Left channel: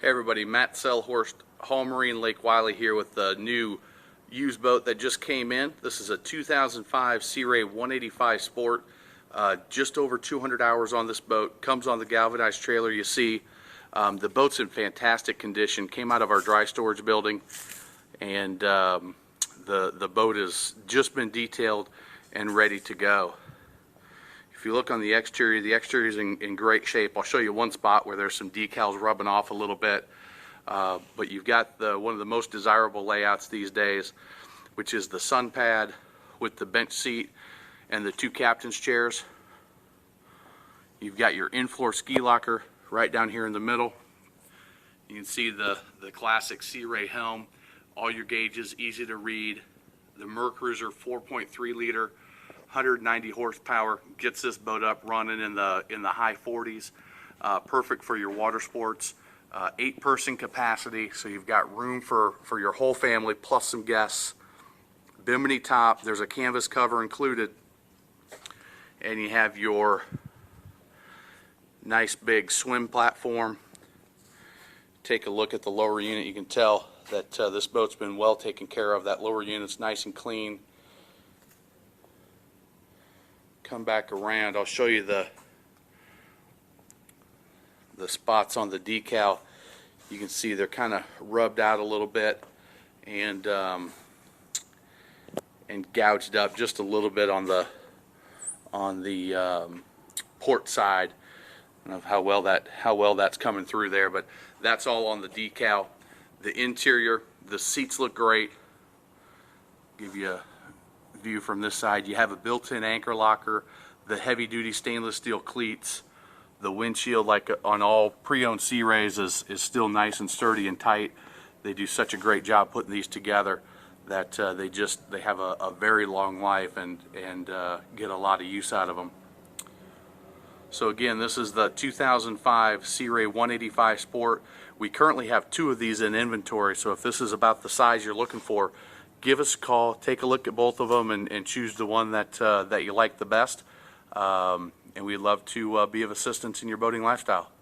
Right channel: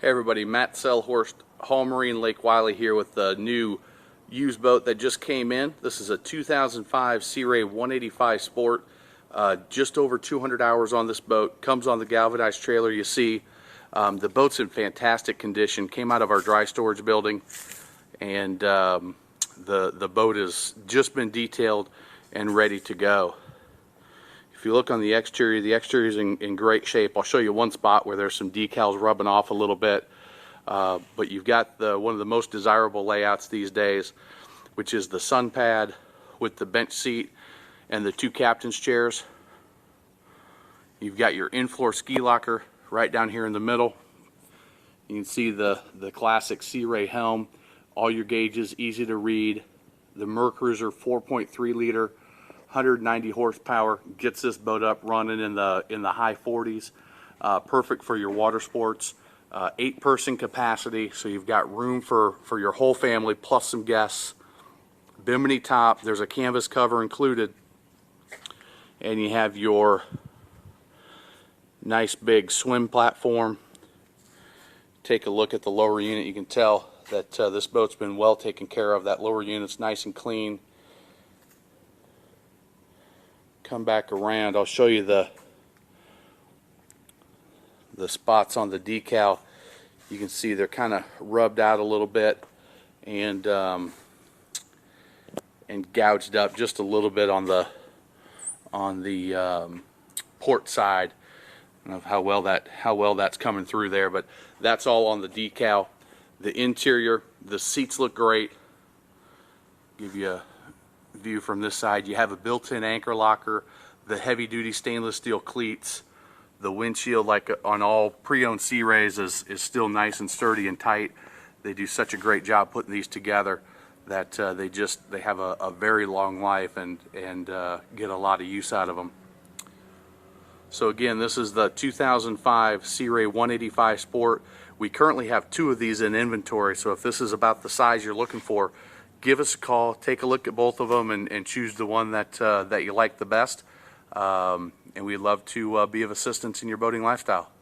Hey everybody, Matt Selhorst, Hall Marine Lake Wylie here with the new used boat that just came in. This is a 2005 Sea Ray 185 Sport. Just over 200 hours on this boat. Comes on the galvanized trailer you see. The boat's in fantastic condition. Came out of our dry storage building, and the boat has just been detailed and ready to go. If you look on the exterior is in great shape. I'll show you one spot where there's some decals rubbing off a little bit. But you've got one of the most desirable layouts these days, which is the sun pad with the bench seat and the two captain's chairs. You've got your in-floor ski locker right down here in the middle. You can see the classic Sea Ray helm. All your gauges, easy to read. The Mercruiser 4.3 liter. 190 horsepower, gets this boat up running in the high 40s. Perfect for your water sports. 8-person capacity, so you've got room for your whole family plus some guests. Bimini top, there's a canvas cover included, and you have your nice big swim platform. Take a look at the lower unit. You can tell that this boat's been well taken care of. That lower unit's nice and clean. Come back around, I'll show you the spots on the decal. You can see they're kind of rubbed out a little bit and gouged up just a little bit on the port side. I don't know how well that's coming through there, but that's all on the decal. The interior, the seats look great. Give you a view from this side. You have a built-in anchor locker, the heavy-duty stainless steel cleats. The windshield, like on all pre-owned Sea Rays, is still nice and sturdy and tight. They do such a great job putting these together that they have a very long life and get a lot of use out of them. So again, this is the 2005 Sea Ray 185 Sport. We currently have 2 of these in inventory, so if this is about the size you're looking for, give us a call, take a look at both of them, and choose the one that you like the best. And we'd love to be of assistance in your boating lifestyle.